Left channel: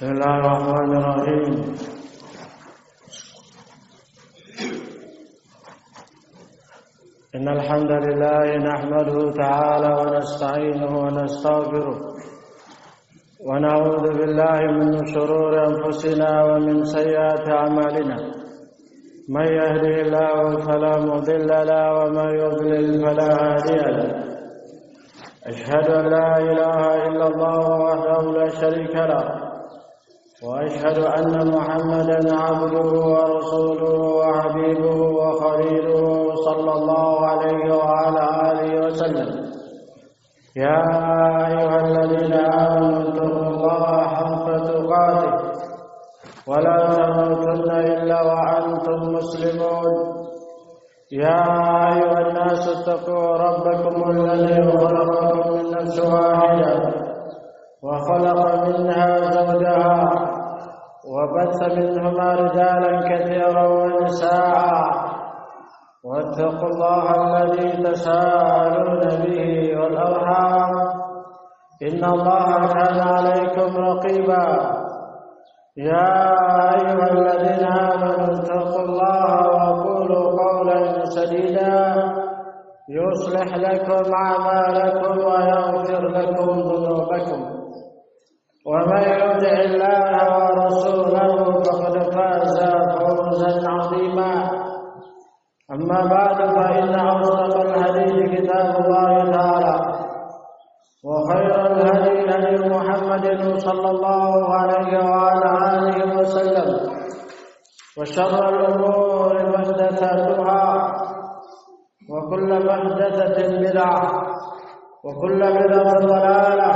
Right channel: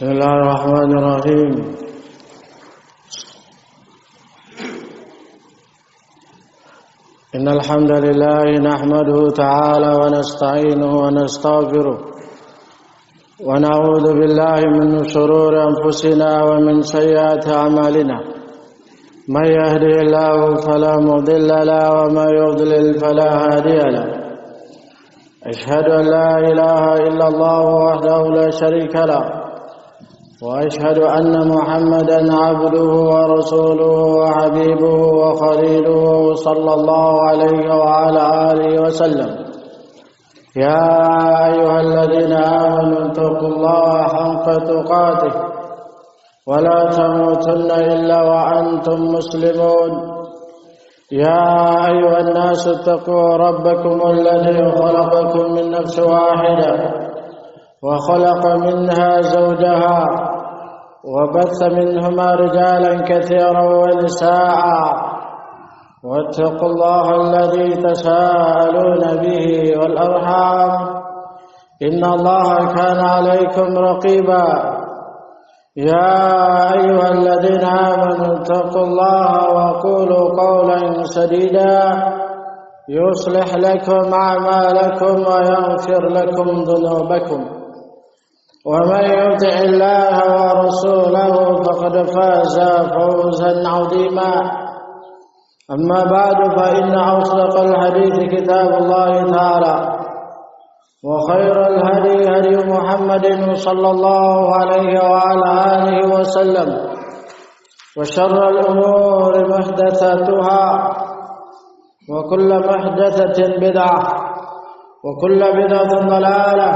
بسم الله الرحمن الرحيم. إن الحمد لله نحمده تعالى ونستعينه ونستغفره ونعوذ بالله من شرور أنفسنا ومن سيئات أعمالنا. من يهده الله فلا مضل له ومن يضلل فلا هادي له. أشهد أن لا إله إلا الله وحده لا شريك له وأشهد أن محمدا عبده ورسوله وحبيبه وخليله صلى الله عليه وعلى آله وسلم. يا أيها الذين آمنوا اتقوا الله حق تقاته ولا تموتن إلا وأنتم مسلمون. يا أيها الناس اتقوا ربكم الذي خلقكم من نفس واحدة وخلق منها زوجها وبث منهما رجالا كثيرا ونساء واتقوا الله الذي تساءلون به والأرحام إن الله كان عليكم رقيبا. يا أيها الذين آمنوا اتقوا الله وقولوا قولا سديدا يصلح لكم أعمالكم ويغفر لكم ذنوبكم ومن يطع الله ورسوله فقد فاز فوزا عظيما. أما بعد فإن أصدق الحديث كتاب الله تعالى وخير الهدي هدي محمد صلى الله عليه وعلى آله وسلم وشر الأمور محدثاتها وكل محدثة بدعة وكل بدعة ضلالة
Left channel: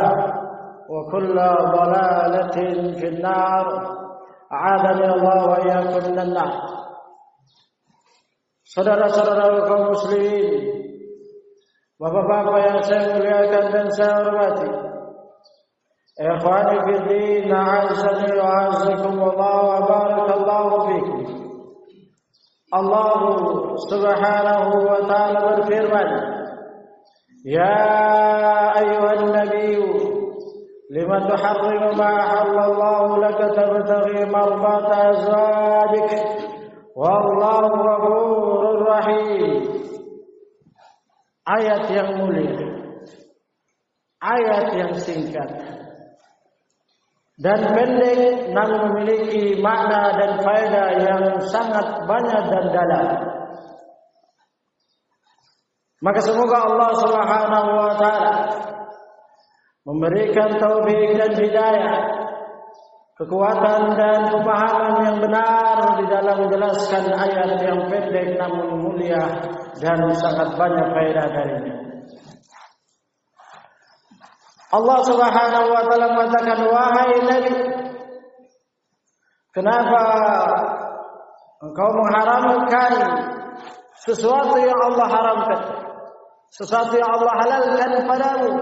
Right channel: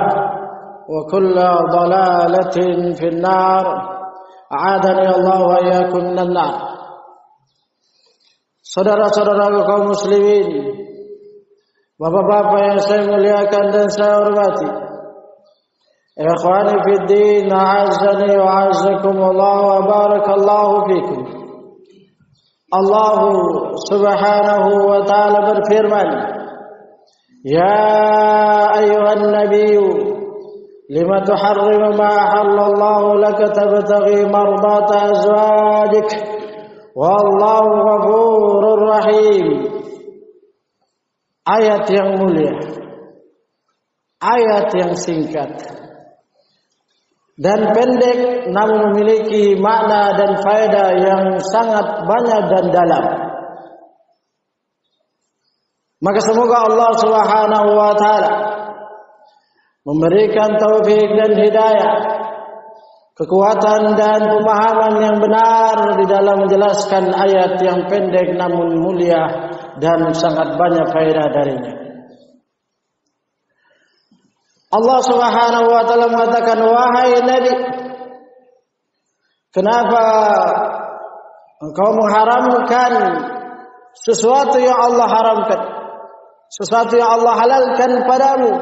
وكل ضلالة في النار. أعاذني الله وإياكم من النار. Saudara-saudara kaum muslimin, bapak-bapak yang saya muliakan dan saya hormati, ikhwani fid din, a'azzani wa a'azzakumullah wa barakallahu fikum. Allah subhanahu wa ta'ala berfirman, ya ayyuhan nabiyyu lima tuharrimu ma ahallallahu laka tabtaghi mardata azwajik wallahu ghafurur rahim. Ayat yang mulia, ayat yang singkat dan pendek namun memiliki makna dan faedah yang sangat banyak dan dalam. Maka semoga Allah Subhanahu wa taala memberikan taufik dan hidayah, kekuatan dan pemahaman yang benar di dalam menjelaskan ayat yang pendek namun mulia dan sangat banyak faedah darinya. Allah Subhanahu wa taala mengatakan, wahai Nabi, kenapa engkau mengharamkan sesuatu yang Allah haramkan, sesuatu yang Allah halalkan padamu,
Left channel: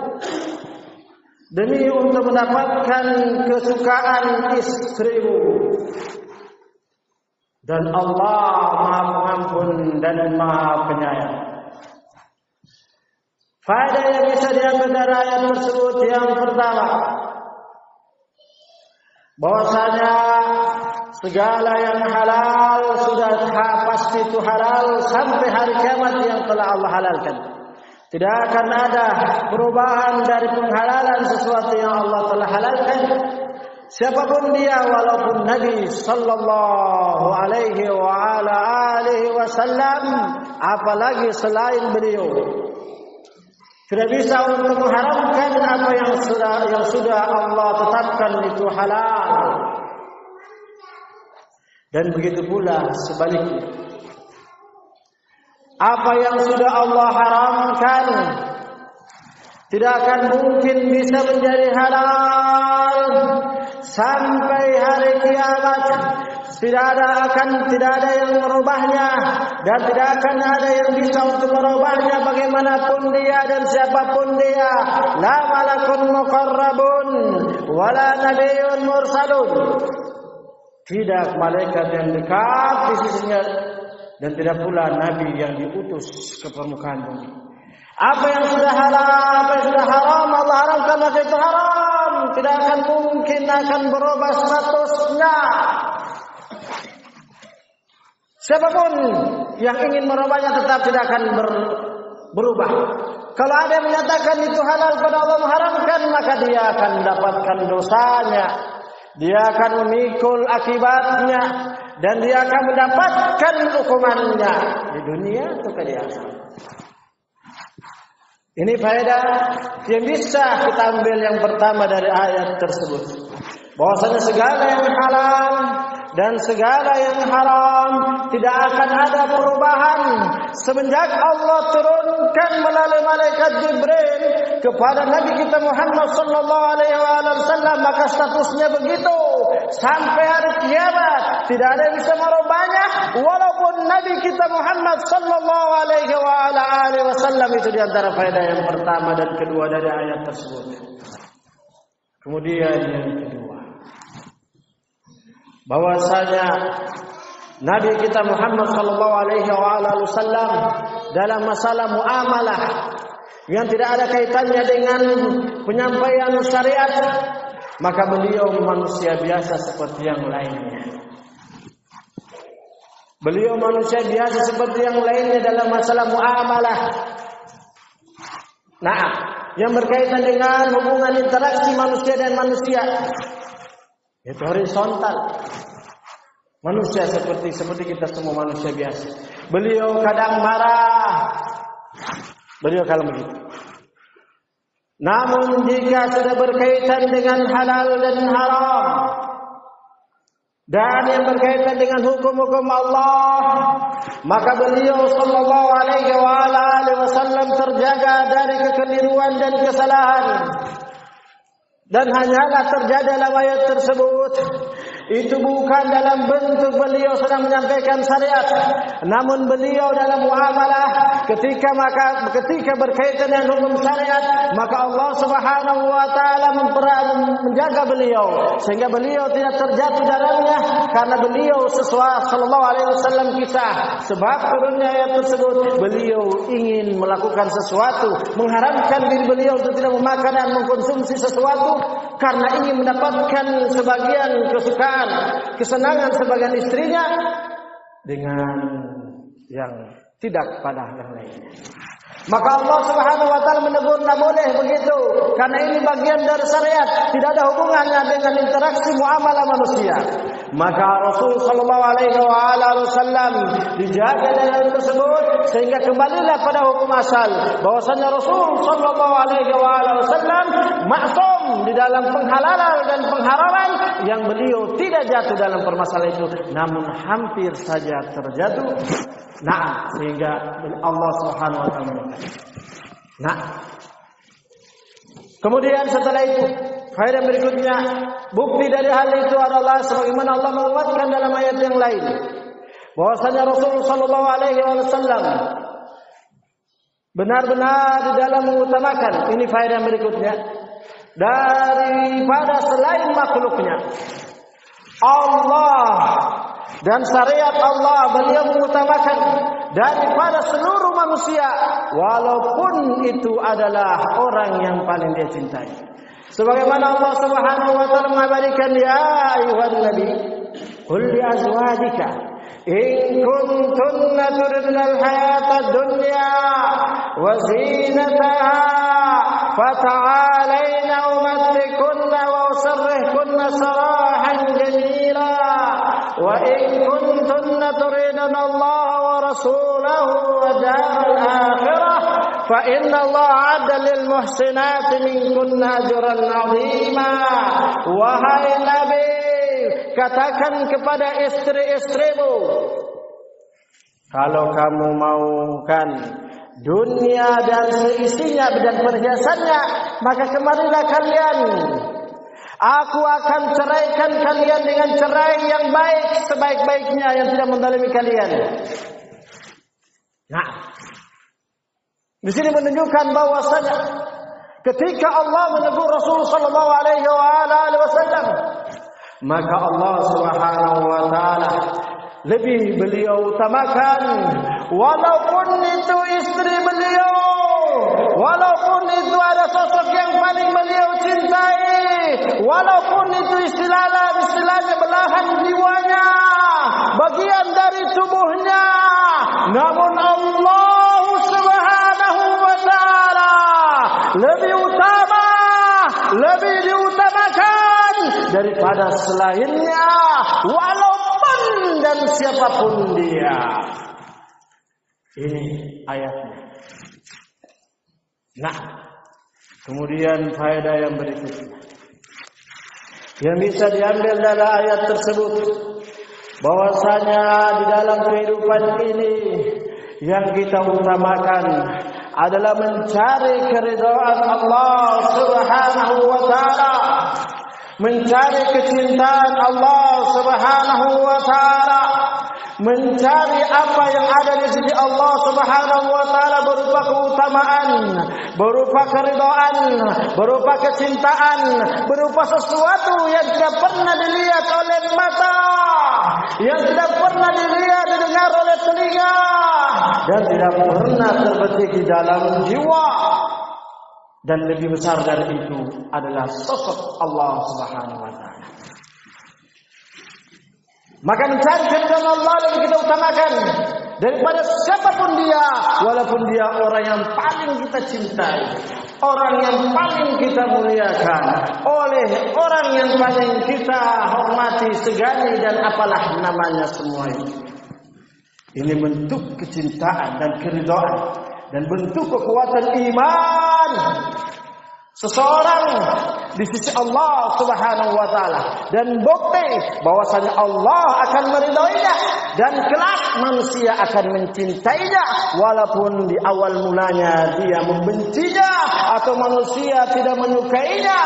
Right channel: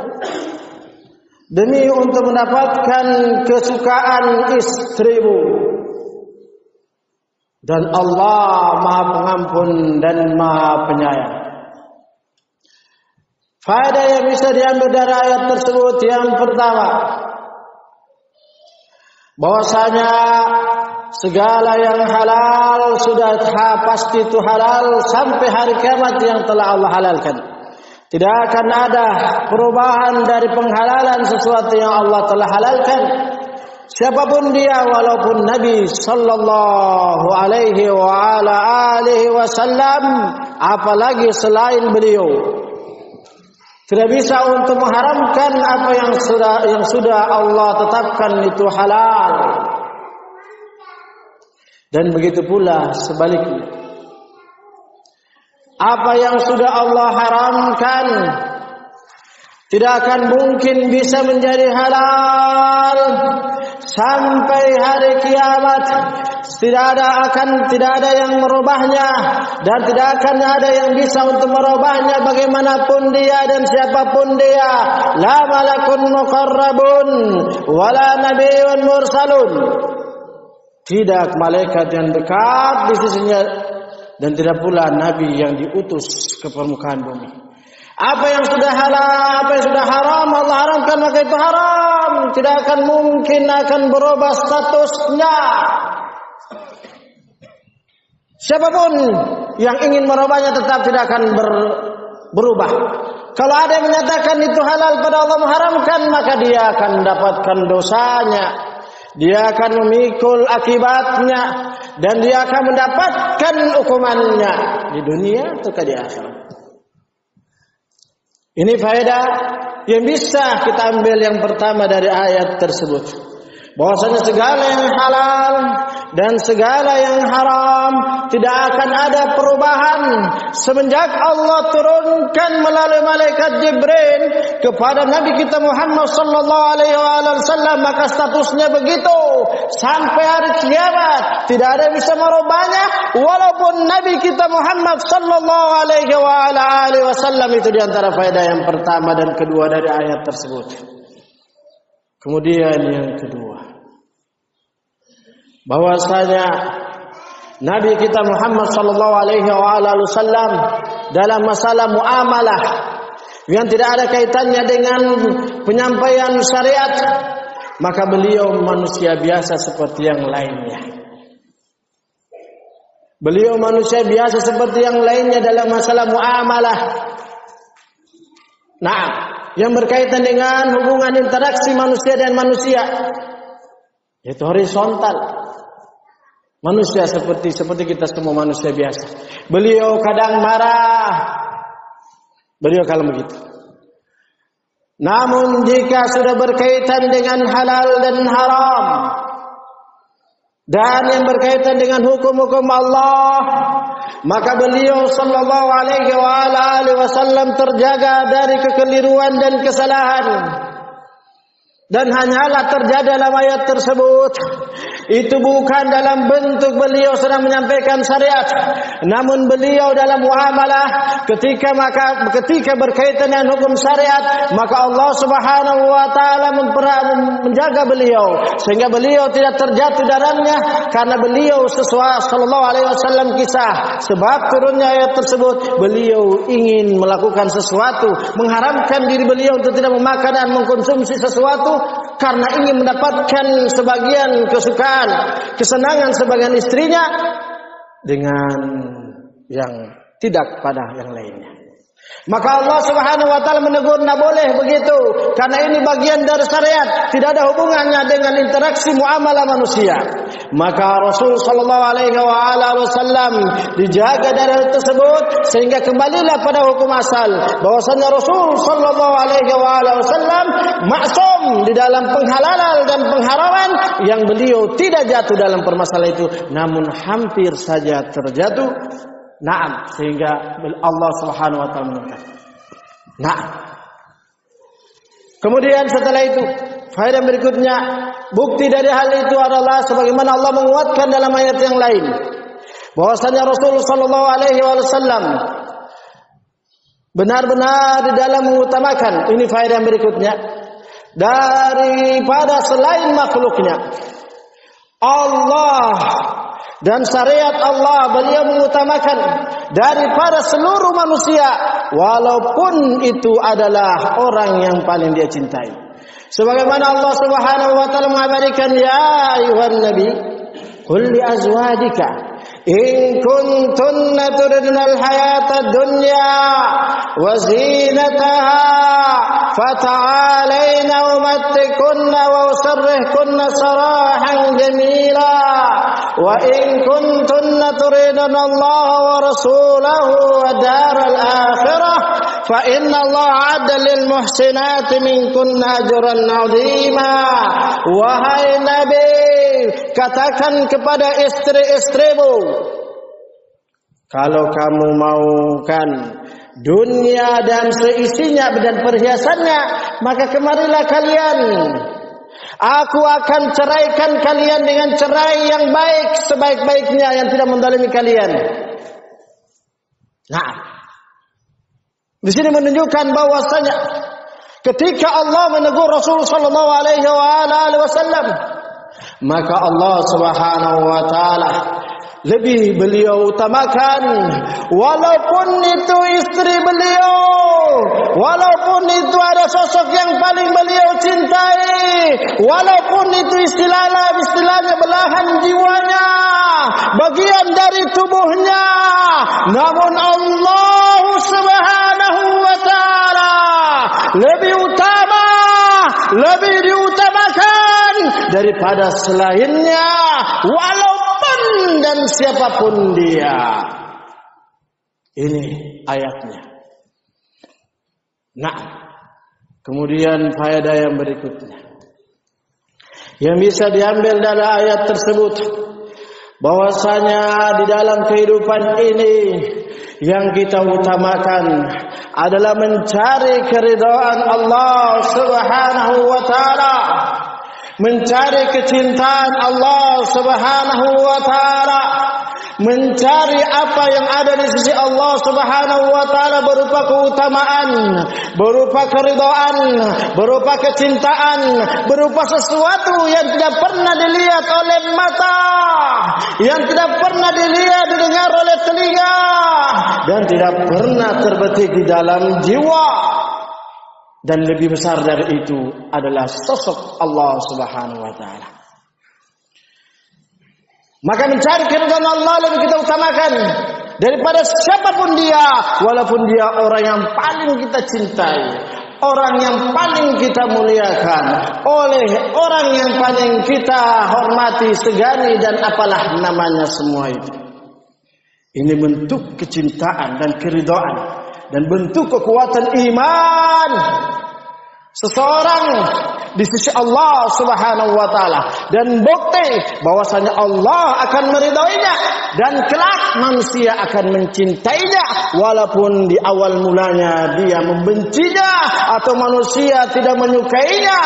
demi untuk mendapatkan kesukaan istrimu. Dan Allah Maha Pengampun dan Maha Penyayang. Faedah yang bisa diambil dari ayat tersebut yang pertama, bahwasanya segala yang halal sudah pasti itu halal sampai hari kiamat yang telah Allah halalkan. Tidak akan ada perubahan dari penghalalan sesuatu yang Allah telah halalkan. Siapapun dia, walaupun Nabi sallallahu alaihi wa ala alihi wasallam, apalagi selain beliau, tidak bisa untuk mengharamkan apa yang sudah Allah tetapkan itu halal. Dan begitu pula sebaliknya, apa yang sudah Allah haramkan tidak akan mungkin bisa menjadi halal sampai hari kiamat. Tidak ada yang merubahnya dan tidak akan ada yang bisa untuk merubahnya bagaimanapun dia dan siapapun dia. La malakun muqarrabun wala nabiyyun mursalun. Tidak malaikat yang dekat di sisinya dan tidak pula nabi yang diutus ke permukaan bumi. Apa yang sudah halal, apa yang sudah haram, Allah haramkan maka itu haram. tidak akan mungkin akan berubah statusnya. Siapapun yang ingin merubahnya tetap tidak akan berubah. Kalau ada yang menyatakan itu halal pada Allah mengharamkan, maka dia akan mendapatkan dosanya. Dia akan memikul akibatnya dan dia akan mendapatkan hukumannya di dunia atau di akhirat. Ini faedah yang bisa kita ambil yang pertama dari ayat tersebut. Bahwasanya segala yang halal dan segala yang haram tidak akan ada perubahan semenjak Allah turunkan melalui malaikat Jibril kepada Nabi kita Muhammad sallallahu alaihi wasallam, maka statusnya begitu sampai hari kiamat. Tidak ada yang bisa merubahnya walaupun Nabi kita Muhammad sallallahu alaihi wasallam. Itu di antara faedah yang pertama dan kedua dari ayat tersebut. Kemudian yang kedua, bahwasanya Nabi kita Muhammad sallallahu alaihi wasallam dalam masalah muamalah yang tidak ada kaitannya dengan penyampaian syariat, maka beliau manusia biasa seperti yang lainnya. Beliau manusia biasa seperti yang lainnya dalam masalah muamalah. Nah, yang berkaitan dengan hubungan interaksi manusia dan manusia, yaitu horizontal. Manusia seperti kita semua manusia biasa. Beliau kadang marah, beliau kalau begitu. Namun jika sudah berkaitan dengan halal dan haram dan yang berkaitan dengan hukum-hukum Allah, maka beliau sallallahu alaihi wasallam terjaga dari kekeliruan dan kesalahan. Dan hanyalah terjadi dalam ayat tersebut itu bukan dalam bentuk beliau sedang menyampaikan syariat, namun beliau dalam muamalah ketika berkaitan dengan hukum syariat, maka Allah Subhanahu wa taala menjaga beliau sehingga beliau tidak terjatuh dalamnya, karena beliau sesuai sallallahu alaihi wasallam kisah sebab turunnya ayat tersebut beliau ingin melakukan sesuatu, mengharamkan diri beliau untuk tidak memakan dan mengkonsumsi sesuatu karena ingin mendapatkan sebagian kesukaan, kesenangan sebagian istrinya dengan yang tidak pada yang lainnya. Maka Allah Subhanahu wa taala menegur, tidak boleh begitu, karena ini bagian dari syariat, tidak ada hubungannya dengan interaksi muamalah manusia. Maka Rasul sallallahu alaihi wasallam dijaga dari hal tersebut sehingga kembalilah pada hukum asal, bahwasanya Rasul sallallahu alaihi wasallam maksum di dalam penghalalan dan pengharaman yang beliau tidak jatuh dalam permasalahan itu, namun hampir saja terjatuh. Nah, sehingga Allah Subhanahu wa taala mengatakan. Nah. Kemudian setelah itu, faedah berikutnya, bukti dari hal itu adalah sebagaimana Allah menguatkan dalam ayat yang lain, bahwasanya Rasul sallallahu alaihi wasallam benar-benar di dalam mengutamakan, ini faedah yang berikutnya, daripada selain makhluknya. Allah dan syariat Allah beliau mengutamakan daripada seluruh manusia, walaupun itu adalah orang yang paling dia cintai. Sebagaimana Allah Subhanahu wa taala mengabadikan, ya ayuhan nabi qul li azwajika in kuntunna turidna al-hayata ad-dunya wa zinataha fata'alaina umattikunna wa usarrihkunna sarahan jamila. Wa in kuntunna turidna Allah wa rasulahu wa daral akhirah fa inna Allah 'adda lil muhsinati minkunna ajran 'azima. Wahai Nabi, katakan kepada istri-istrimu, kalau kamu maukan dunia dan seisinya dan perhiasannya, maka kemarilah kalian. Aku akan ceraikan kalian dengan cerai yang baik, sebaik-baiknya, yang tidak menzalimi kalian. Nah, di sini menunjukkan bahwasanya ketika Allah menegur Rasul sallallahu alaihi wasallam, maka Allah Subhanahu wa taala lebih beliau utamakan, walaupun itu istri beliau, walaupun itu ada sosok yang paling beliau cintai, lebih utama, lebih diutamakan daripada selainnya, walaupun dan siapapun dia. Ini ayatnya. Nah, kemudian faedah yang berikutnya yang bisa diambil dari ayat tersebut, bahwasanya di dalam kehidupan ini yang kita utamakan adalah mencari keridhaan Allah Subhanahu wa taala, mencari kecintaan Allah Subhanahu wa taala, mencari apa yang ada di sisi Allah Subhanahu wa taala berupa keutamaan, berupa keridhaan, berupa kecintaan, berupa sesuatu yang tidak pernah dilihat oleh mata, yang tidak pernah dilihat didengar oleh telinga, dan tidak pernah terbetik di dalam jiwa. Dan lebih besar dari itu adalah sosok Allah Subhanahu wa taala. Maka mencari keridhaan Allah lebih kita utamakan daripada siapapun dia, walaupun dia orang yang paling kita cintai, orang yang paling kita muliakan, oleh orang yang paling kita hormati, segani, dan apalah namanya semua itu. Ini bentuk kecintaan dan keridhaan dan bentuk kekuatan iman seseorang di sisi Allah Subhanahu wa taala, dan bukti bahwasanya Allah akan meridhoinya dan kelak manusia akan mencintainya, walaupun di awal mulanya dia membencinya, atau manusia tidak menyukainya,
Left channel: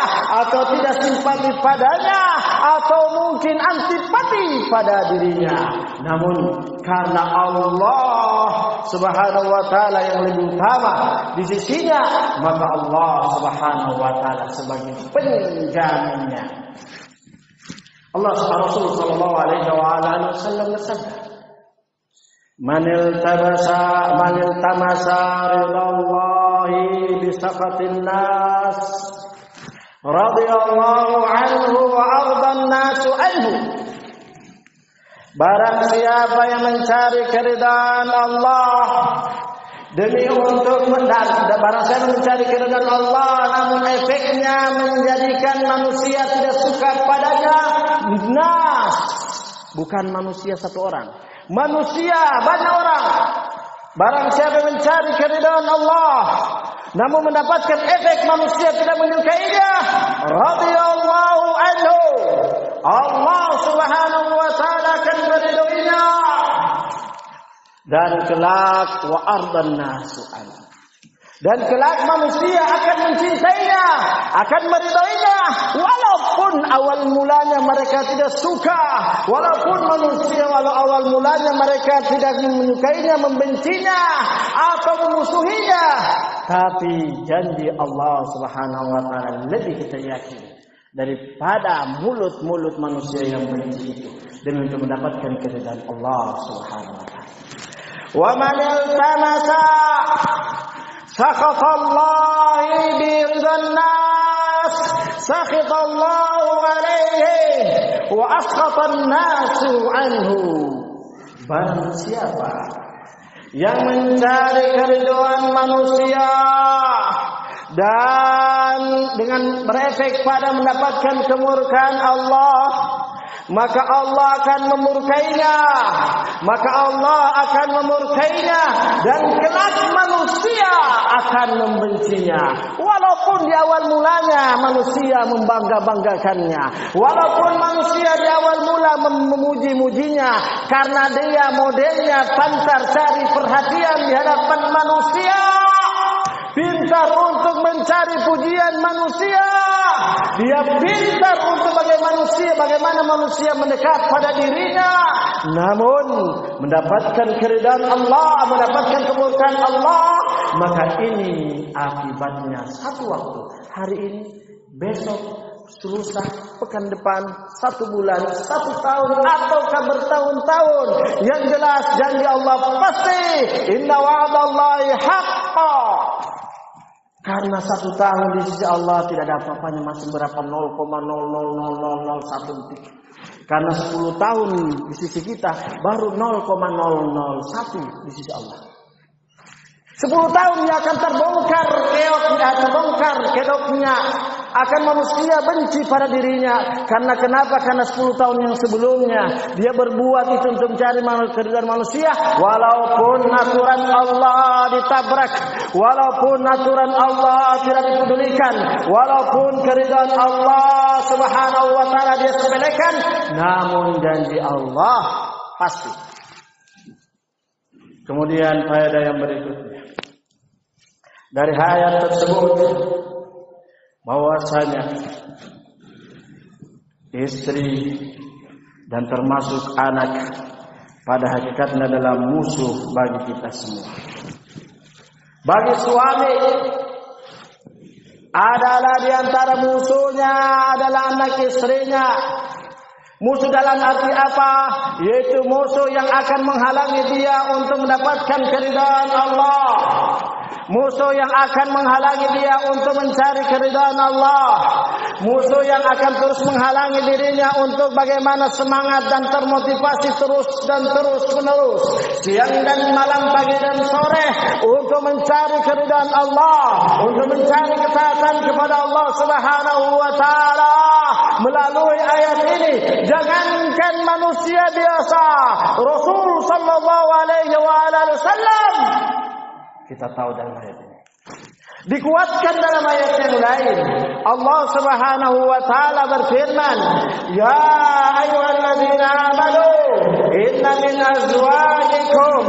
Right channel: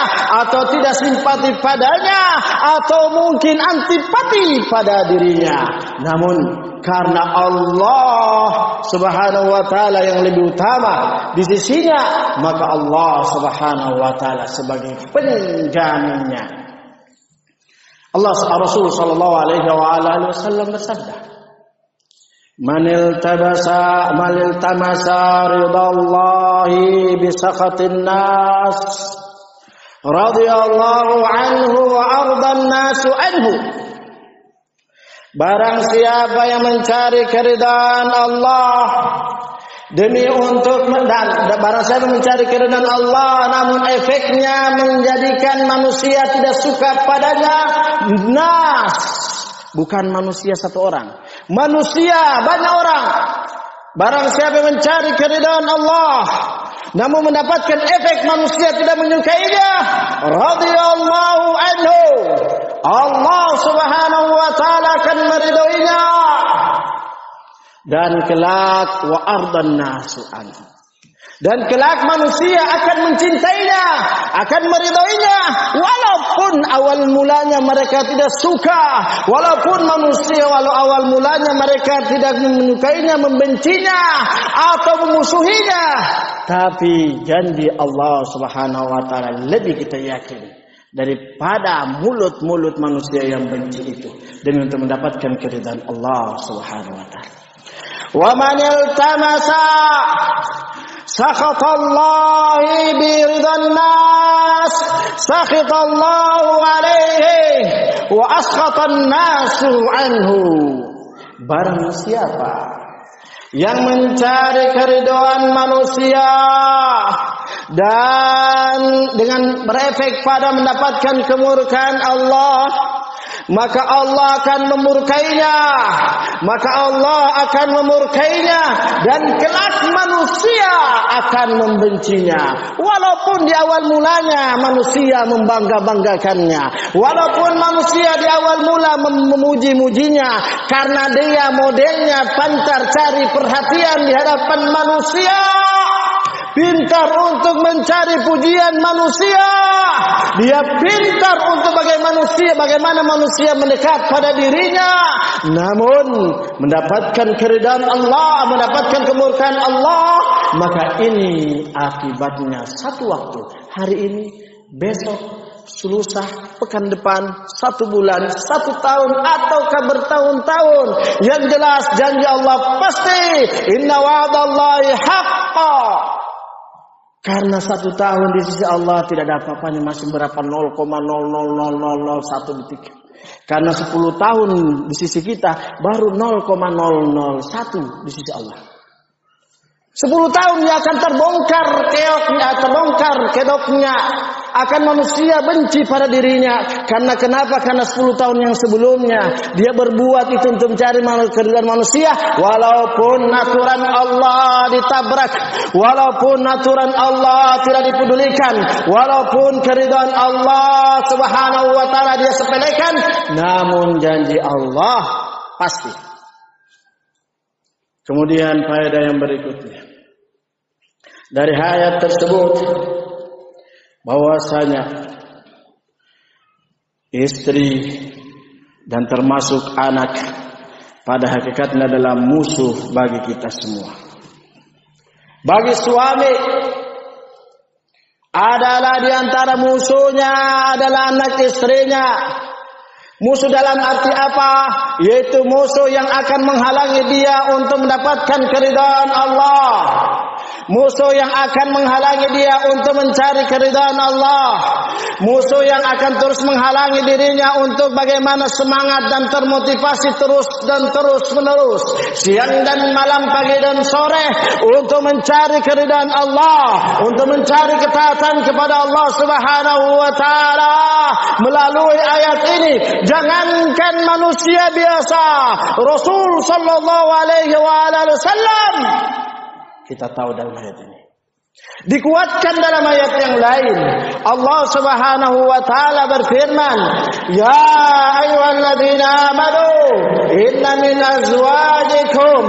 atau tidak simpati padanya, atau mungkin antipati pada dirinya. Namun karena Allah Subhanahu wa taala yang lebih utama di sisinya, maka Allah Subhanahu wa taala sebagai penjaminnya. Allah Rasul sallallahu alaihi wasallam bersabda, "Man iltamasa ridallahi bi sakhatin nas, radhiyallahu anhu wa ardan nasu anhu." Barang siapa yang mencari keridhaan Allah demi untuk barang siapa mencari keridhaan Allah namun efeknya menjadikan manusia tidak suka padanya, nas, bukan manusia satu orang, manusia banyak orang. Barang siapa mencari keridhaan Allah namun mendapatkan efek manusia tidak menyukainya, radhiyallahu anhu, Allah Subhanahu wa taala akan meridhoinya, dan kelak wa ardan nasu anhu, dan kelak manusia akan mencintainya, akan meridhoinya, walaupun awal mulanya mereka tidak suka, walaupun manusia walau awal mulanya mereka tidak menyukainya, membencinya, atau memusuhinya. Tapi janji Allah Subhanahu wa taala lebih kita yakin daripada mulut-mulut manusia yang benci itu, demi untuk mendapatkan keridhaan Allah Subhanahu wa taala. Wa man iltamasa sakhatallahi bi ridhan nas, sakhatallahu alaihi wa askhatan nasu anhu. Barang siapa yang mencari keridhaan manusia dan dengan berefek pada mendapatkan kemurkaan Allah, maka Allah akan memurkainya, maka Allah akan memurkainya, dan kelak manusia akan membencinya. Walaupun di awal mulanya manusia membangga-banggakannya, walaupun manusia di awal mula memuji-mujinya, karena dia modelnya pantar cari perhatian di hadapan manusia, pintar untuk mencari pujian manusia, dia pintar untuk bagaimana manusia mendekat pada dirinya. Namun mendapatkan keridhaan Allah, mendapatkan kemurkaan Allah, maka ini akibatnya satu waktu, hari ini, besok, lusa, pekan depan, 1 bulan, 1 tahun, ataukah bertahun-tahun. Yang jelas janji Allah pasti, inna wa'dallahi haqqa. Karena 1 tahun di sisi Allah tidak ada apa-apanya, masih berapa 0,00001 detik. Karena 10 tahun di sisi kita baru 0,001 di sisi Allah. 10 tahun dia akan terbongkar kedoknya. Akan manusia benci pada dirinya. Karena kenapa? Karena 10 tahun yang sebelumnya dia berbuat itu untuk mencari keridhaan manusia. Walaupun aturan Allah ditabrak, walaupun aturan Allah tidak dipedulikan, walaupun keridhaan Allah Subhanahu wa taala dia sepelekan, namun janji Allah pasti. Kemudian faedah yang berikutnya dari ayat tersebut, bahwasanya istri dan termasuk anak pada hakikatnya adalah musuh bagi kita semua. Bagi suami adalah diantara musuhnya adalah anak istrinya. Musuh dalam arti apa? Yaitu musuh yang akan menghalangi dia untuk mendapatkan keridhaan Allah. Musuh yang akan menghalangi dia untuk mencari keridhaan Allah. Musuh yang akan terus menghalangi dirinya untuk bagaimana semangat dan termotivasi terus menerus, siang dan malam, pagi dan sore, untuk mencari keridhaan Allah, untuk mencari ketaatan kepada Allah Subhanahu wa taala. Melalui ayat ini, jangankan manusia biasa, Rasul sallallahu alaihi wasallam, kita tahu dalam ayat ini. Dikuatkan dalam ayat yang lain, Allah Subhanahu wa taala berfirman, "Ya ayyuhalladzina amanu, inna min azwajikum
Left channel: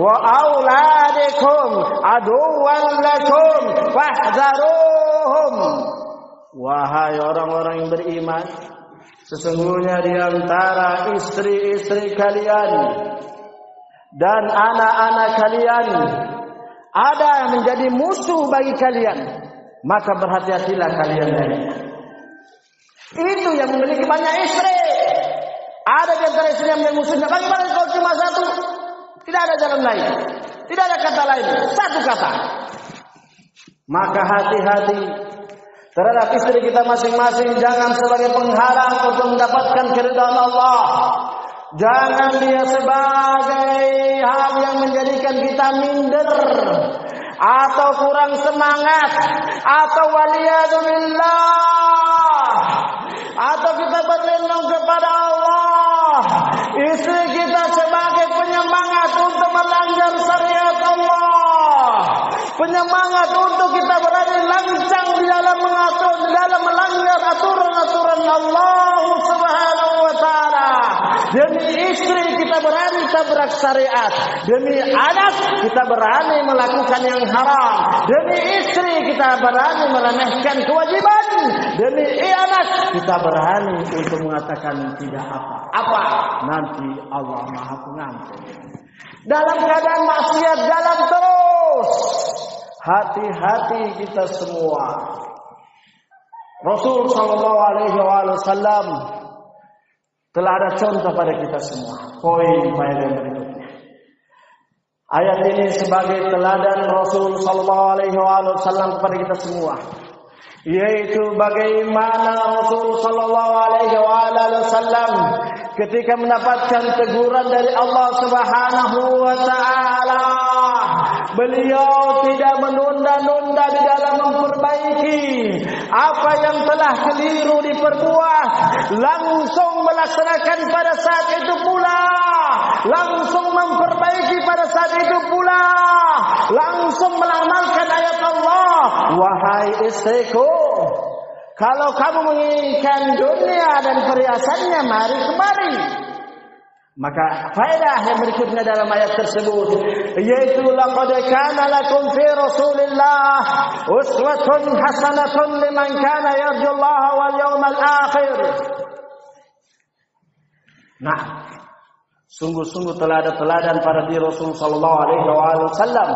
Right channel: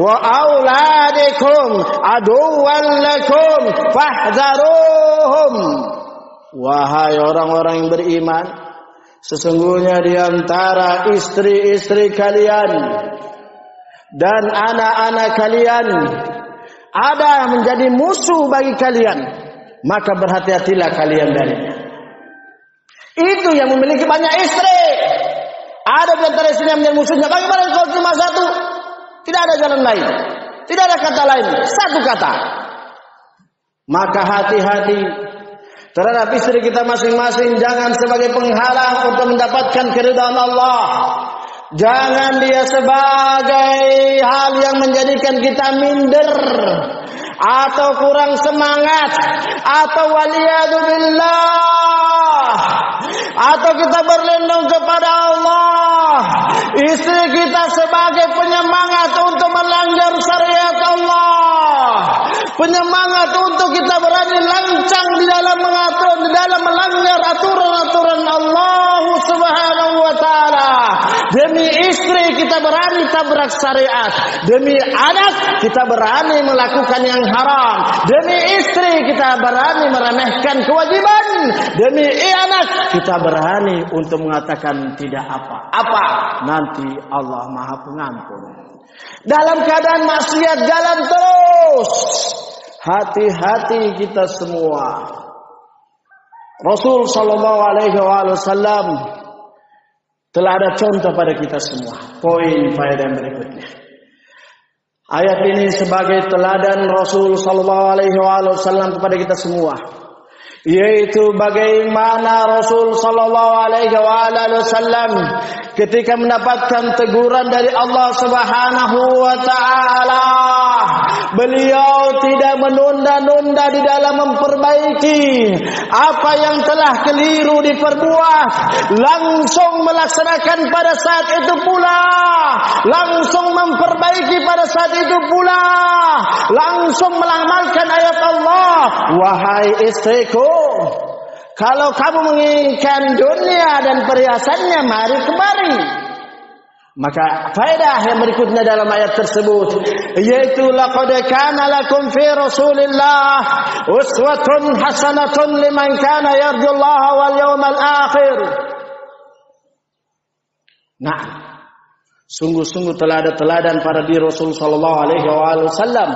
wa auladikum aduwwan lakum fahdharuhum." Wahai orang-orang yang beriman, sesungguhnya di antara istri-istri kalian dan anak-anak kalian ada yang menjadi musuh bagi kalian, maka berhati-hatilah kalian darinya. Itu yang memiliki banyak istri. Ada di antara istri yang menjadi musuhnya. Bagaimana kalau cuma satu? Tidak ada jalan lain, tidak ada kata lain, satu kata. Maka hati-hati terhadap istri kita masing-masing. Jangan sebagai penghalang untuk mendapatkan keridhaan Allah. Jangan dia sebagai hal yang menjadikan kita minder atau kurang semangat, atau waliyadzubillah, atau kita berlindung kepada Allah. Istri kita sebagai penyemangat untuk melanggar syariat Allah, penyemangat untuk kita berani lancang di dalam melanggar aturan-aturan Allah Subhanahu wa taala. Demi istri kita berani tabrak syariat, demi anak kita berani melakukan yang haram, demi istri kita berani meremehkan kewajiban, demi anak kita berani untuk mengatakan tidak apa-apa, nanti Allah Maha Pengampun. Dalam keadaan maksiat jalan terus. Hati-hati kita semua. Rasul sallallahu alaihi wasallam telah ada contoh pada kita semua. Poin faedah yang berikutnya. Ayat ini sebagai teladan Rasul sallallahu alaihi wasallam kepada kita semua, yaitu bagaimana Rasul sallallahu alaihi wasallam ketika mendapatkan teguran dari Allah Subhanahu wa taala, beliau tidak menunda-nunda di dalam memperbaiki apa yang telah keliru diperbuat, langsung melaksanakan pada saat itu pula, langsung memperbaiki pada saat itu pula, langsung mengamalkan ayat Allah. Wahai istriku, kalau kamu menginginkan dunia dan perhiasannya, mari kemari. Maka faedah yang berikutnya dalam ayat tersebut, yaitu laqad kana lakum fi Rasulillah uswatun hasanatun liman kana yarjullaha wal yawmal akhir. Nah, sungguh-sungguh telah ada teladan pada diri Rasul sallallahu alaihi wasallam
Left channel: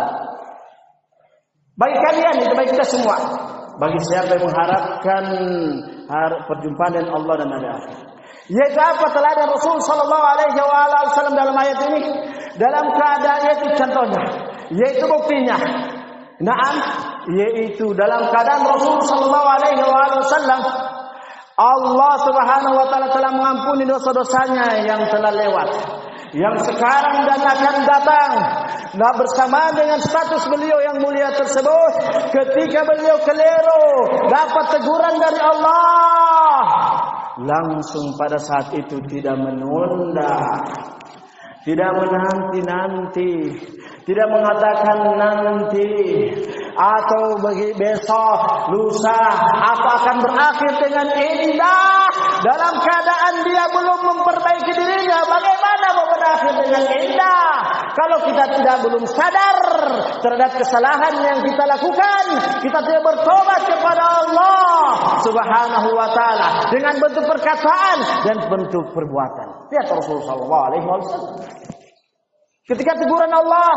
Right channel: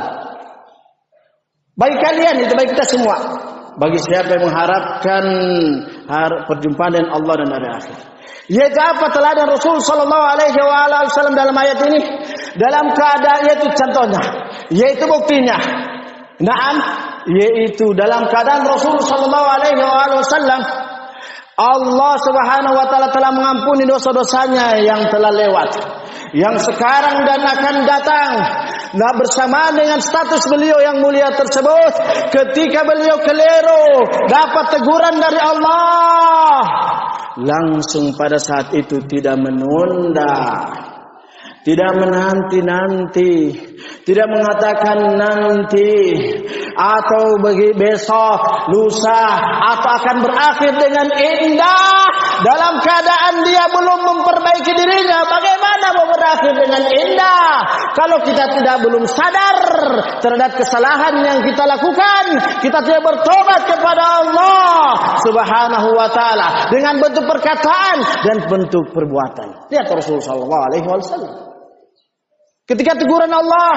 bagi kalian, itu bagi kita semua, bagi siapa yang mengharapkan perjumpaan dengan Allah dan hari akhir. Yaitu apa teladan Rasul sallallahu alaihi wasallam dalam ayat ini? Dalam keadaan, yaitu contohnya, yaitu buktinya. Naam, yaitu dalam keadaan Rasul sallallahu alaihi wasallam, Allah Subhanahu wa taala telah mengampuni dosa-dosanya yang telah lewat, yang sekarang dan akan datang. Nah, bersamaan dengan status beliau yang mulia tersebut, ketika beliau keliru dapat teguran dari Allah, langsung pada saat itu tidak menunda, tidak menanti-nanti, tidak mengatakan nanti atau bagi besok, lusa, atau akan berakhir dengan indah dalam keadaan dia belum memperbaiki dirinya. Bagaimana mau berakhir dengan indah kalau kita belum sadar terhadap kesalahan yang kita lakukan, kita tidak bertobat kepada Allah Subhanahu wa taala dengan bentuk perkataan dan bentuk perbuatan. Lihat Rasulullah sallallahu alaihi wasallam. Ketika teguran Allah,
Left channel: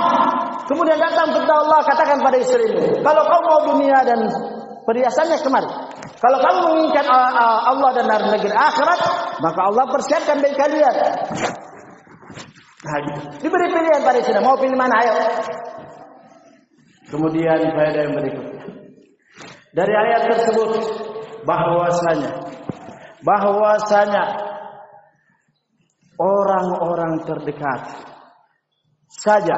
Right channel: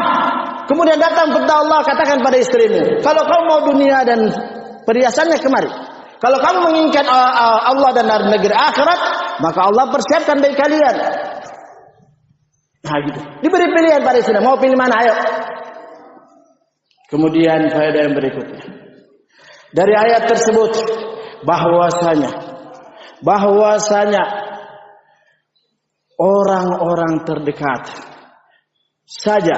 kemudian datang perintah Allah, katakan pada istrimu, kalau kamu mau dunia dan perhiasannya kemari. Kalau kamu menginginkan Allah dan negeri akhirat, maka Allah persiapkan bagi kalian. Nah, gitu. Diberi pilihan pada istri, mau pilih mana, ayo. Kemudian faedah yang berikutnya. Dari ayat tersebut bahwasanya orang-orang terdekat saja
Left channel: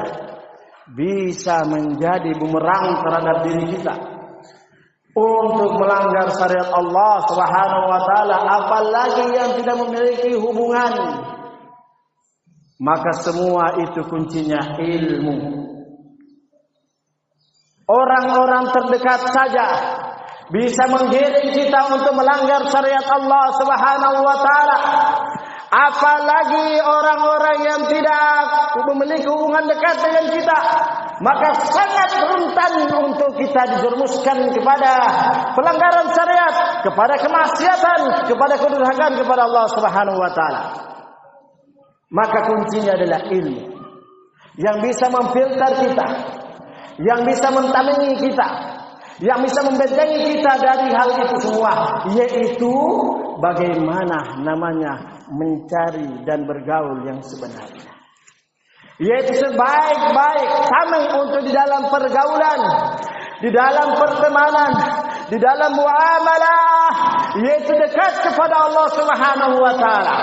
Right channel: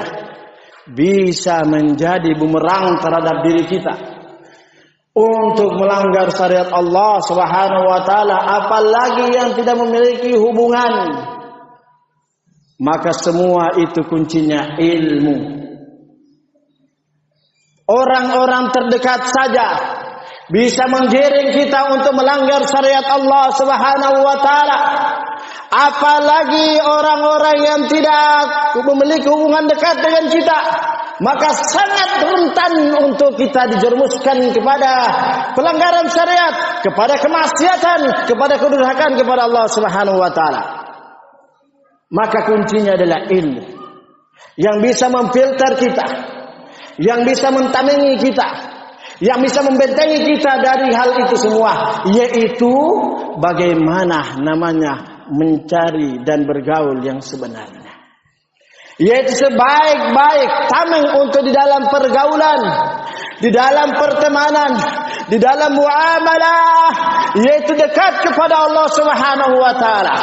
bisa menjadi bumerang terhadap diri kita untuk melanggar syariat Allah Subhanahu wa taala, apalagi yang tidak memiliki hubungan. Maka semua itu kuncinya ilmu. Orang-orang terdekat saja bisa menggiring kita untuk melanggar syariat Allah Subhanahu wa taala. Apalagi orang-orang yang tidak memiliki hubungan dekat dengan kita, maka sangat rentan untuk kita dijerumuskan kepada pelanggaran syariat, kepada kemaksiatan, kepada kedurhakaan kepada Allah Subhanahu wa taala. Maka kuncinya adalah ilmu yang bisa memfilter kita, yang bisa mentamingi kita, yang bisa membentengi kita dari hal itu semua, yaitu bagaimana namanya mencari dan bergaul yang sebenarnya, yaitu sebaik-baik tameng untuk di dalam pergaulan, di dalam pertemanan, di dalam muamalah, yaitu dekat kepada Allah Subhanahu wa taala.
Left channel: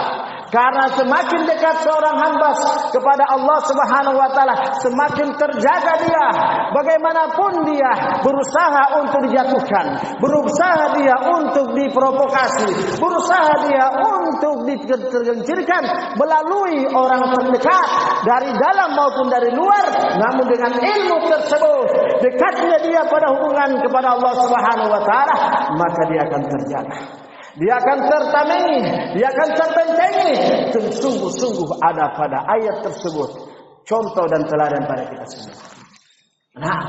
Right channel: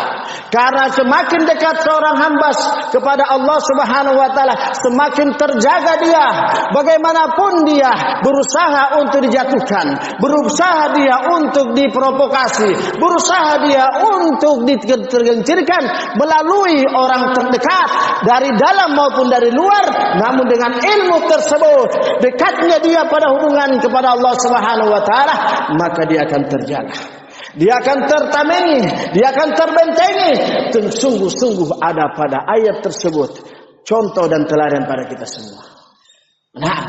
Karena semakin dekat seorang hamba kepada Allah Subhanahu wa taala, semakin terjaga dia. Bagaimanapun dia berusaha untuk dijatuhkan, berusaha dia untuk diprovokasi, berusaha dia untuk ditergelincirkan melalui orang terdekat dari dalam maupun dari luar, namun dengan ilmu tersebut, dekatnya dia pada hubungan kepada Allah Subhanahu wa taala, maka dia akan terjaga. Dia akan tertamengi, dia akan terbentengi. Sungguh-sungguh ada pada ayat tersebut contoh dan teladan pada kita semua. Nah,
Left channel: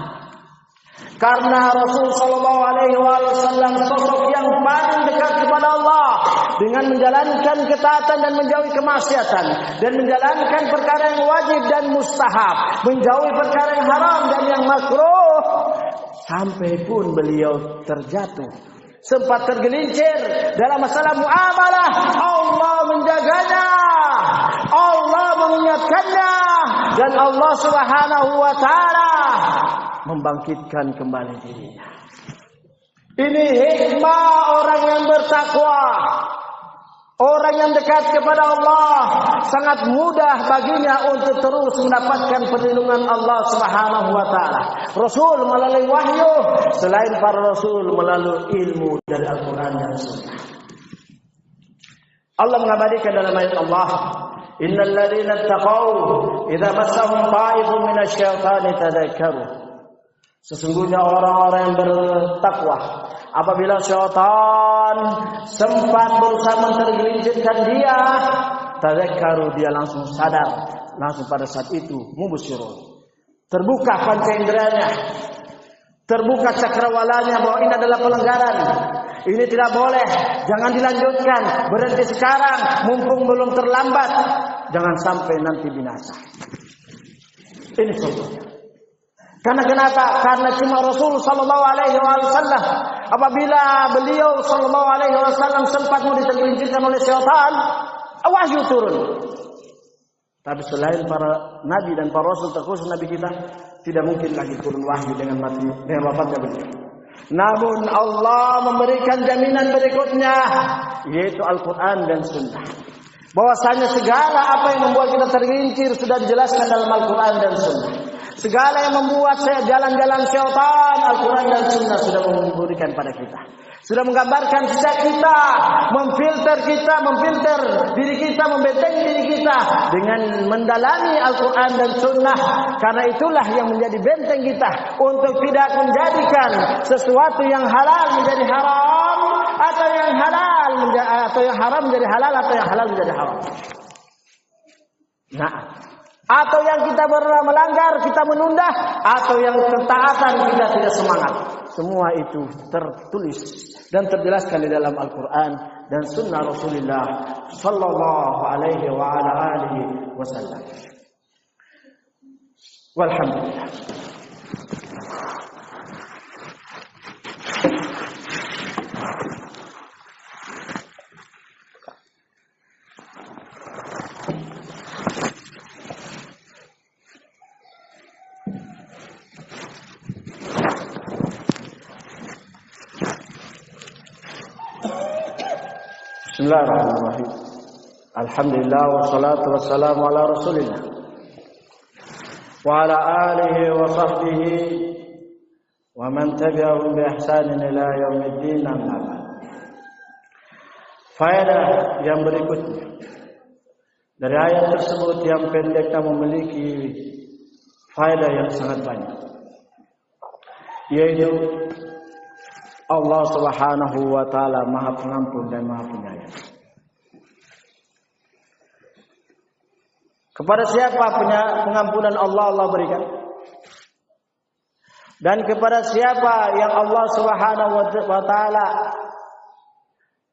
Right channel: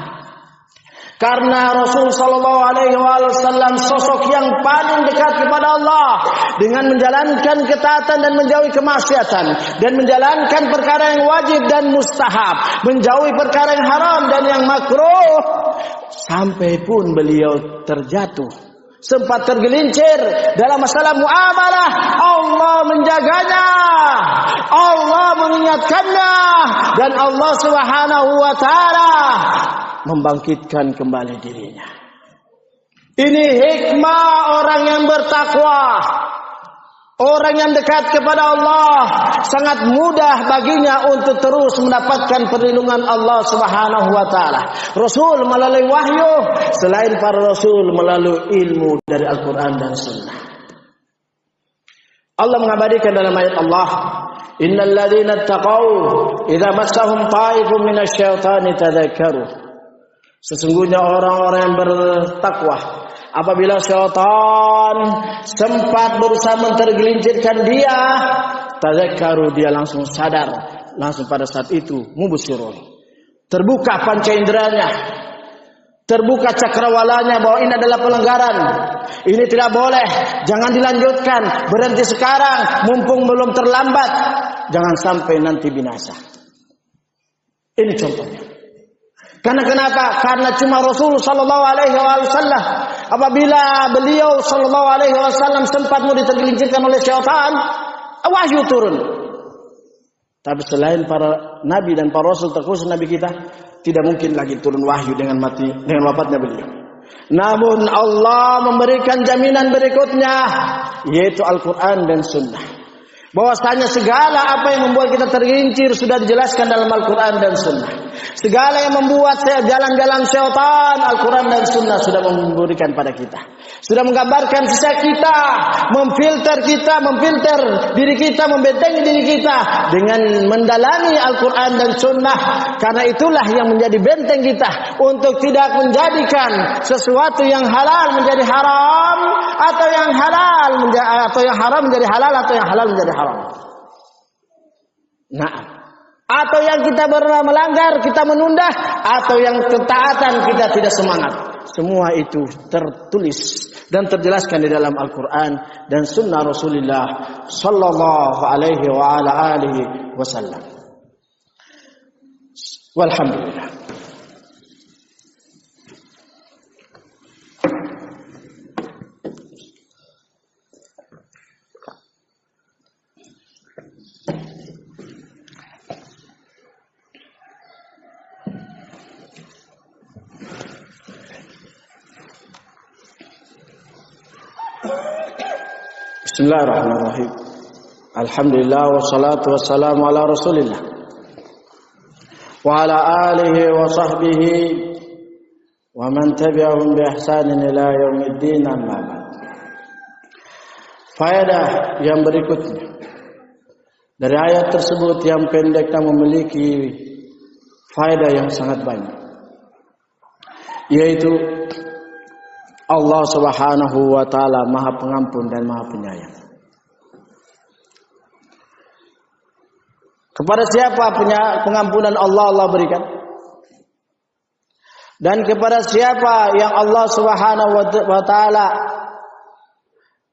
karena Rasul sallallahu alaihi wasallam sosok yang paling dekat kepada Allah dengan menjalankan ketaatan dan menjauhi kemaksiatan dan menjalankan perkara yang wajib dan mustahab, menjauhi perkara yang haram dan yang makruh, sampai pun beliau terjatuh, sempat tergelincir dalam masalah muamalah, Allah menjaganya, Allah mengingatkannya, dan Allah Subhanahu wa taala membangkitkan kembali dirinya. Ini hikmah orang yang bertakwa. Orang yang dekat kepada Allah sangat mudah baginya untuk terus mendapatkan perlindungan Allah Subhanahu wa taala. Rasul melalui wahyu, selain para rasul melalui ilmu dari Al-Qur'an dan Sunnah. Allah mengabadikan dalam ayat Allah, "Innal ladzina taqaw idza massahum ta'ifun minasyaitani tadzakkaru." Sesungguhnya orang-orang yang bertakwa, apabila syaitan sempat berusaha mentergelincirkan dia, tadzakkaru, dia langsung sadar, langsung pada saat itu mubsirun, terbuka panca inderanya, terbuka cakrawalanya bahwa ini adalah pelanggaran, ini tidak boleh, jangan dilanjutkan, berhenti sekarang mumpung belum terlambat, jangan sampai nanti binasa. Ini contohnya. Karena kenapa? Karena cuma Rasul sallallahu alaihi wasallam, apabila beliau sallallahu alaihi wasallam sempat mau ditergelincirkan oleh syaitan, wahyu turun. Tapi selain para nabi dan para rasul, terkhusus nabi kita, tidak mungkin lagi turun wahyu dengan wafatnya beliau. Namun Allah memberikan jaminan berikutnya, yaitu Al-Quran dan Sunnah. bahwasanya segala apa yang membuat kita tergelincir sudah dijelaskan dalam Al-Quran dan Sunnah. Segala yang membuat jalan-jalan syaitan, Al-Quran dan Sunnah sudah memberikan pada kita. Sudah menggambarkan sisa kita, memfilter diri kita, membentengi diri kita dengan mendalami Al-Quran dan Sunnah. Karena itulah yang menjadi benteng kita untuk tidak menjadikan sesuatu yang halal menjadi haram, atau yang haram menjadi halal, atau yang halal menjadi haram. Nah, atau yang kita melanggar, kita menunda, atau yang ketaatan kita tidak semangat. Semua itu tertulis dan terjelaskan di dalam Al-Quran dan Sunnah Rasulullah Sallallahu Alaihi wa ala alihi Wasallam. Walhamdulillah. Bismillahirrahmanirrahim. Alhamdulillah wassalatu wassalamu ala Rasulillah wa ala alihi wa sahbihi wa man tabi'ahum bi ihsanin ila yaumiddin. Faedah yang berikutnya dari ayat tersebut yang pendek namun memiliki faedah yang sangat banyak, yaitu Allah Subhanahu wa taala Maha Pengampun dan Maha Penyayang. Kepada siapa pengampunan Allah berikan? Dan kepada siapa yang Allah Subhanahu wa taala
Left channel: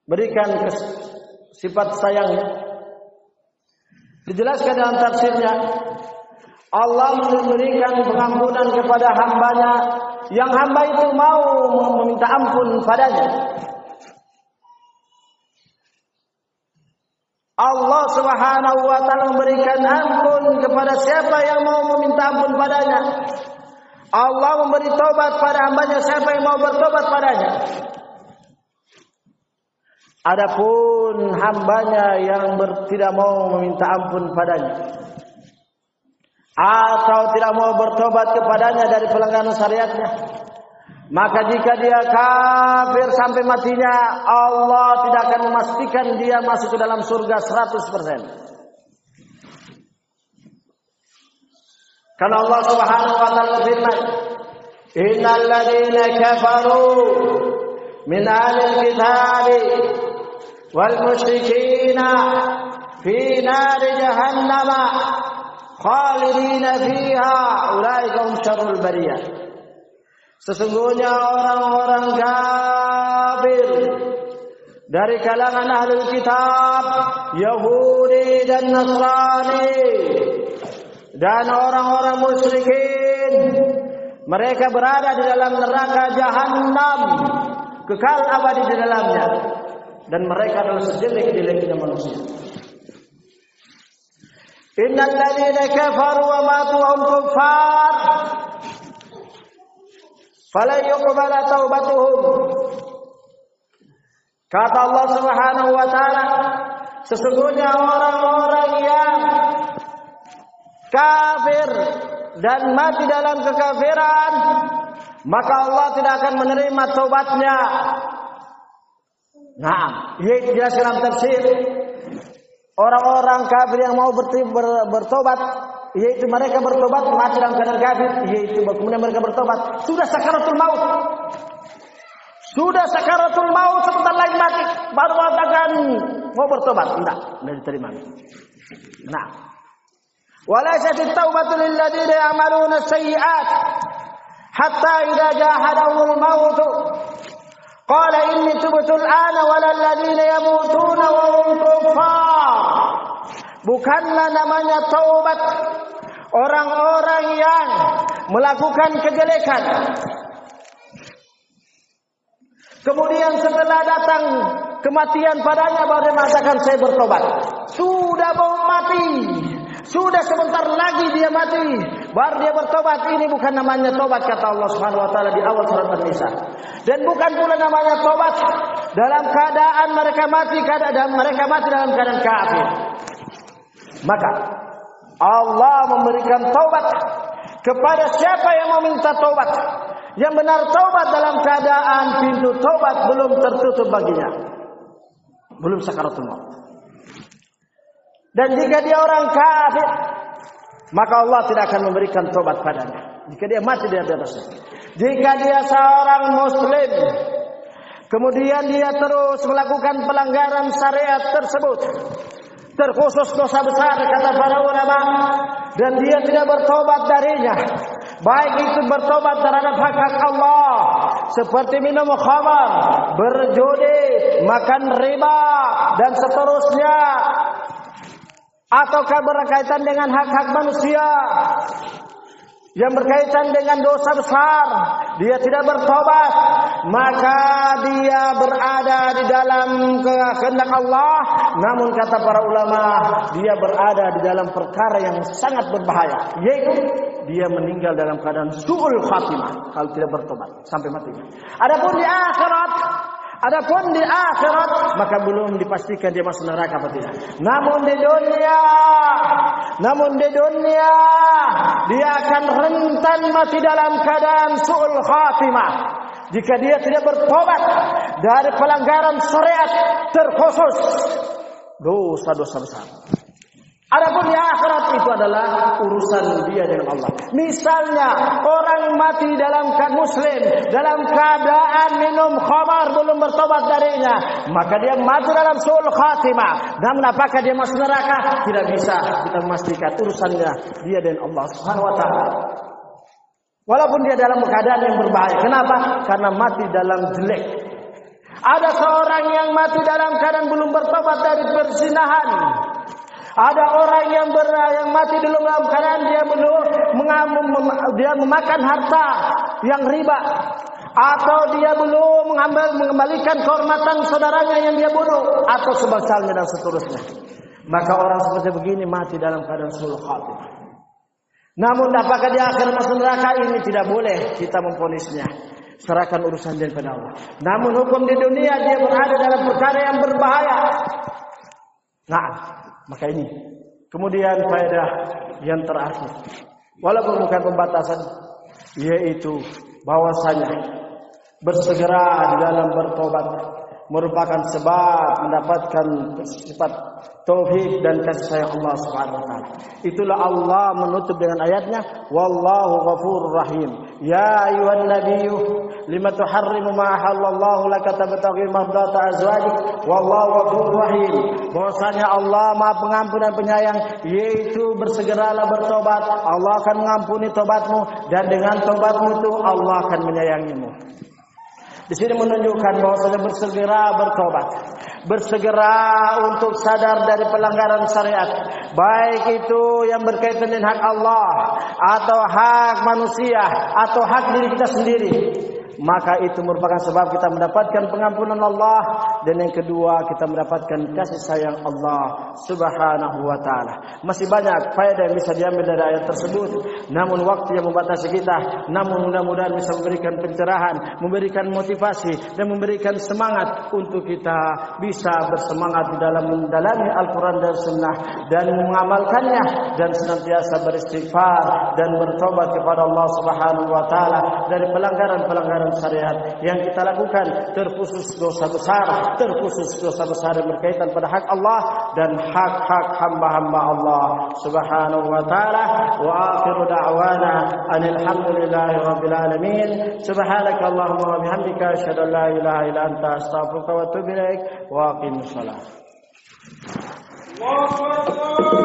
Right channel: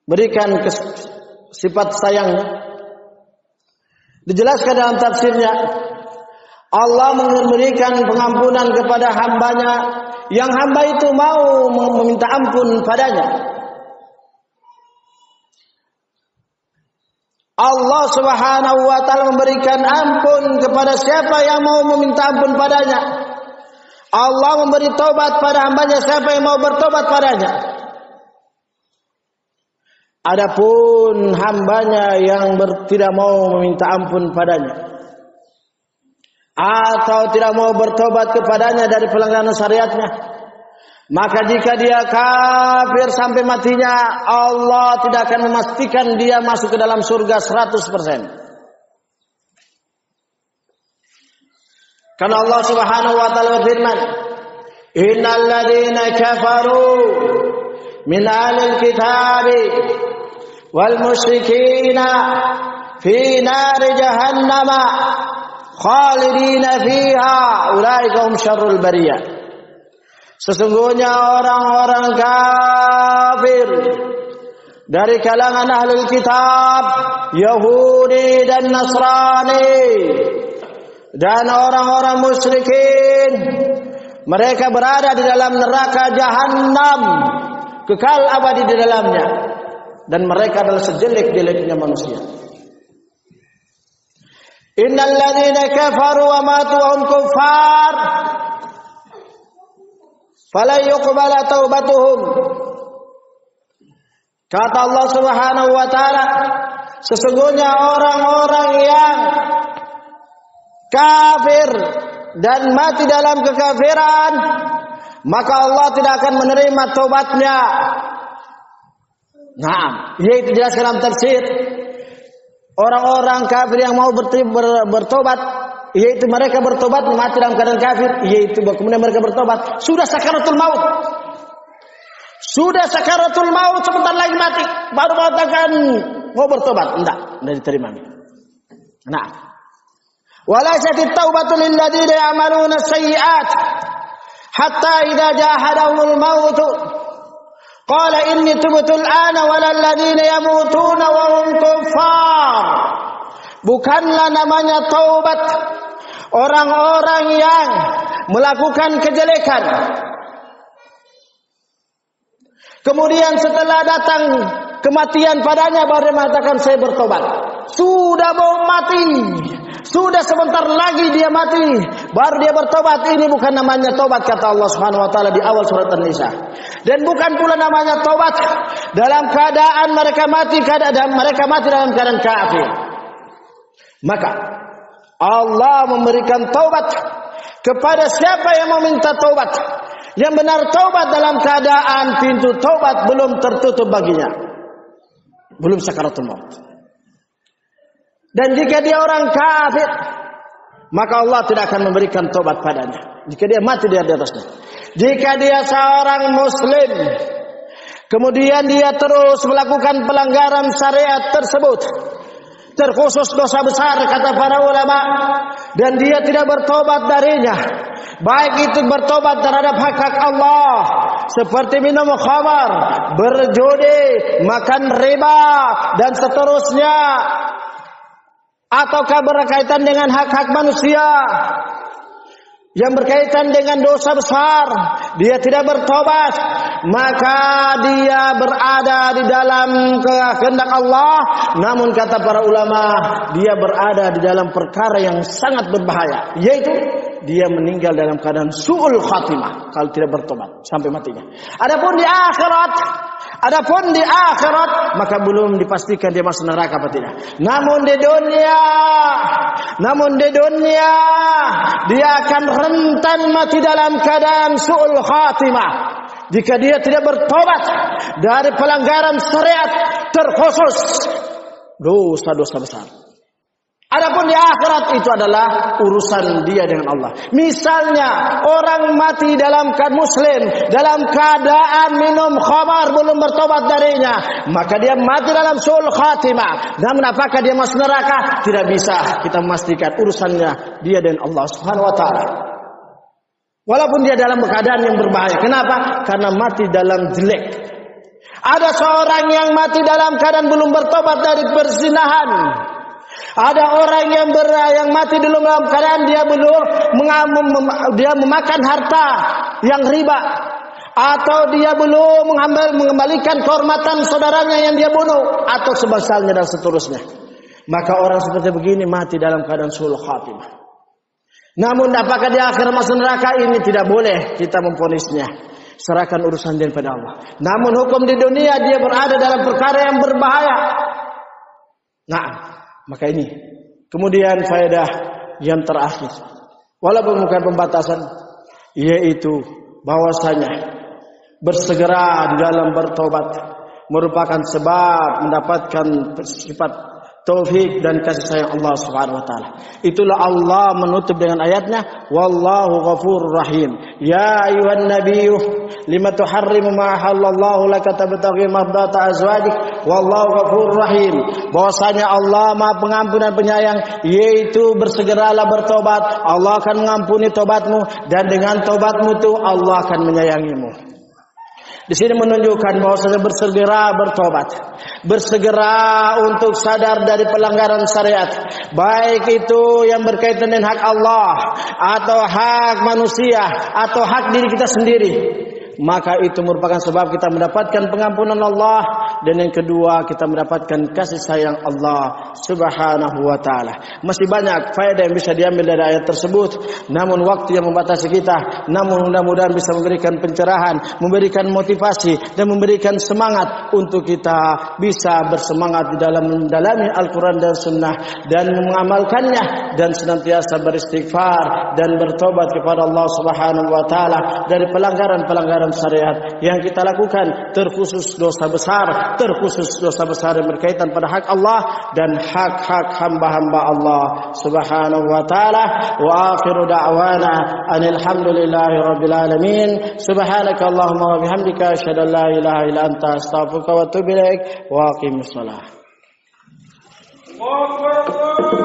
berikan sifat sayangnya? Dijelaskan dalam tafsirnya, Allah memberikan pengampunan kepada hambanya yang hamba itu mau meminta ampun padanya. Allah Subhanahu wa taala memberikan ampun kepada siapa yang mau meminta ampun padanya. Allah memberi taubat pada hambanya siapa yang mau bertobat padanya. Adapun hambanya yang tidak mau meminta ampun padanya atau tidak mau bertobat kepadanya dari pelanggaran syariatnya, maka jika dia kafir sampai matinya, Allah tidak akan memastikan dia masuk ke dalam surga 100%. Karena Allah Subhanahu wa taala berfirman, "Innal ladzina kafaru min ahlil kitabi wal musyrikina fi nari jahannama khalidina fiha ulaika hum syarrul bariyah." Sesungguhnya orang-orang kafir dari kalangan ahlul kitab, Yahudi dan Nasrani, dan orang-orang musyrikin, mereka berada di dalam neraka Jahannam, kekal abadi di dalamnya, dan mereka adalah sejelek-jeleknya manusia. Innal ladzina kafaru wa matu wa hum kuffar fala yuqbala taubatuhum. Kata Allah Subhanahu wa taala, sesungguhnya orang-orang yang kafir dan mati dalam kekafiran, maka Allah tidak akan menerima taubatnya. Nah, yaitu jelas dalam tafsir. Orang-orang kafir yang mau bertobat, yaitu mereka bertobat mati dalam keadaan kafir, yaitu kemudian mereka bertobat sudah sakaratul maut. Sudah sakaratul maut, sebentar lagi mati, baru mengatakan mau bertobat, enggak diterima. Nah, walaysat taubatu lil ladzina ya'maluna sayyi'at hatta idza jahadahumul maut qala inni tubtu al-ana walal ladzina yamutuna wa hum kuffar. Bukanlah namanya taubat orang-orang yang melakukan kejelekan, kemudian setelah datang kematian padanya baru mengatakan saya bertobat. Sudah mau mati, sudah sebentar lagi dia mati, baru dia bertobat. Ini bukan namanya tobat, kata Allah Subhanahu wa taala di awal surat An-Nisa. Dan bukan pula namanya tobat dalam keadaan mereka mati dalam keadaan kafir. Maka Allah memberikan taubat kepada siapa yang meminta taubat. Yang benar taubat dalam keadaan pintu taubat belum tertutup baginya. Belum sakaratul maut. Dan jika dia orang kafir, maka Allah tidak akan memberikan taubat padanya. Jika dia mati di atasnya. Jika dia seorang muslim, kemudian dia terus melakukan pelanggaran syariat tersebut, terkhusus dosa besar kata para ulama, dan dia tidak bertobat darinya, baik itu bertobat terhadap hak-hak Allah seperti minum khamar, berjudi, makan riba dan seterusnya, ataukah berkaitan dengan hak-hak manusia yang berkaitan dengan dosa besar, dia tidak bertobat, maka dia berada di dalam kehendak Allah. Namun kata para ulama, dia berada di dalam perkara yang sangat berbahaya, yaitu dia meninggal dalam keadaan su'ul khatimah kalau tidak bertobat sampai matinya. Adapun di akhirat, maka belum dipastikan dia masuk neraka apa tidak. Namun di dunia dia akan rentan mati dalam keadaan su'ul khatimah jika dia tidak bertobat dari pelanggaran syariat, terkhusus dosa-dosa besar. Adapun di akhirat itu adalah urusan dia dengan Allah. Misalnya orang mati dalam keadaan muslim, dalam keadaan minum khamar belum bertobat darinya, maka dia mati dalam su'ul khatimah. Namun apakah dia masuk neraka? Tidak bisa kita memastikan, urusannya dia dengan Allah Subhanahu wa taala. Walaupun dia dalam keadaan yang berbahaya. Kenapa? Karena mati dalam jelek. Ada seorang yang mati dalam keadaan belum bertobat dari perzinahan. Ada orang yang mati dalam keadaan dia memakan harta yang riba, atau dia belum mengembalikan kehormatan saudaranya yang dia bunuh, atau sebasalnya dan seterusnya. Maka orang seperti begini mati dalam keadaan su'ul khatimah. Namun apakah di akhir masuk neraka? Ini tidak boleh kita memvonisnya. Serahkan urusan dia kepada Allah. Namun hukum di dunia dia berada dalam perkara yang berbahaya. Nah, maka ini kemudian faedah yang terakhir, walaupun bukan pembatasan, yaitu bahwasanya bersegera di dalam bertobat merupakan sebab mendapatkan sifat taufik dan kasih sayang Allah Subhanahu wa taala. Itulah Allah menutup dengan ayatnya, wallahu ghafurur rahim. Ya ayyuhan nabiyyu lima tuharrimu ma halallahu laka tabtaghi mardata azwajik wallahu ghafurur rahim. Bahwasanya Allah Maha Pengampun dan Penyayang, yaitu bersegeralah bertobat, Allah akan mengampuni tobatmu, dan dengan tobatmu itu Allah akan menyayangimu. Di sini menunjukkan bahwasanya bersegera bertobat, bersegera untuk sadar dari pelanggaran syariat, baik itu yang berkaitan dengan hak Allah atau hak manusia atau hak diri kita sendiri. Maka itu merupakan sebab kita mendapatkan pengampunan Allah, dan yang kedua kita mendapatkan kasih sayang Allah Subhanahu wa taala. Masih banyak faedah yang bisa diambil dari ayat tersebut, namun waktu yang membatasi kita. Namun mudah-mudahan bisa memberikan pencerahan, memberikan motivasi, dan memberikan semangat untuk kita bisa bersemangat di dalam mendalami Al-Quran dan Sunnah dan mengamalkannya, dan senantiasa beristighfar dan bertobat kepada Allah Subhanahu wa taala dari pelanggaran-pelanggaran syariat yang kita lakukan, terkhusus dosa besar yang berkaitan pada hak Allah dan hak-hak hamba-hamba Allah Subhanahu wa taala. Wa akhiru da'wana anil hamdulillahi rabbil alamin. Subhanaka Allahumma wa bihamdika asyhadu an la ilaha illa anta astaghfiruka wa atubu ilaik. Wa aqimus shalah. Allahu akbar.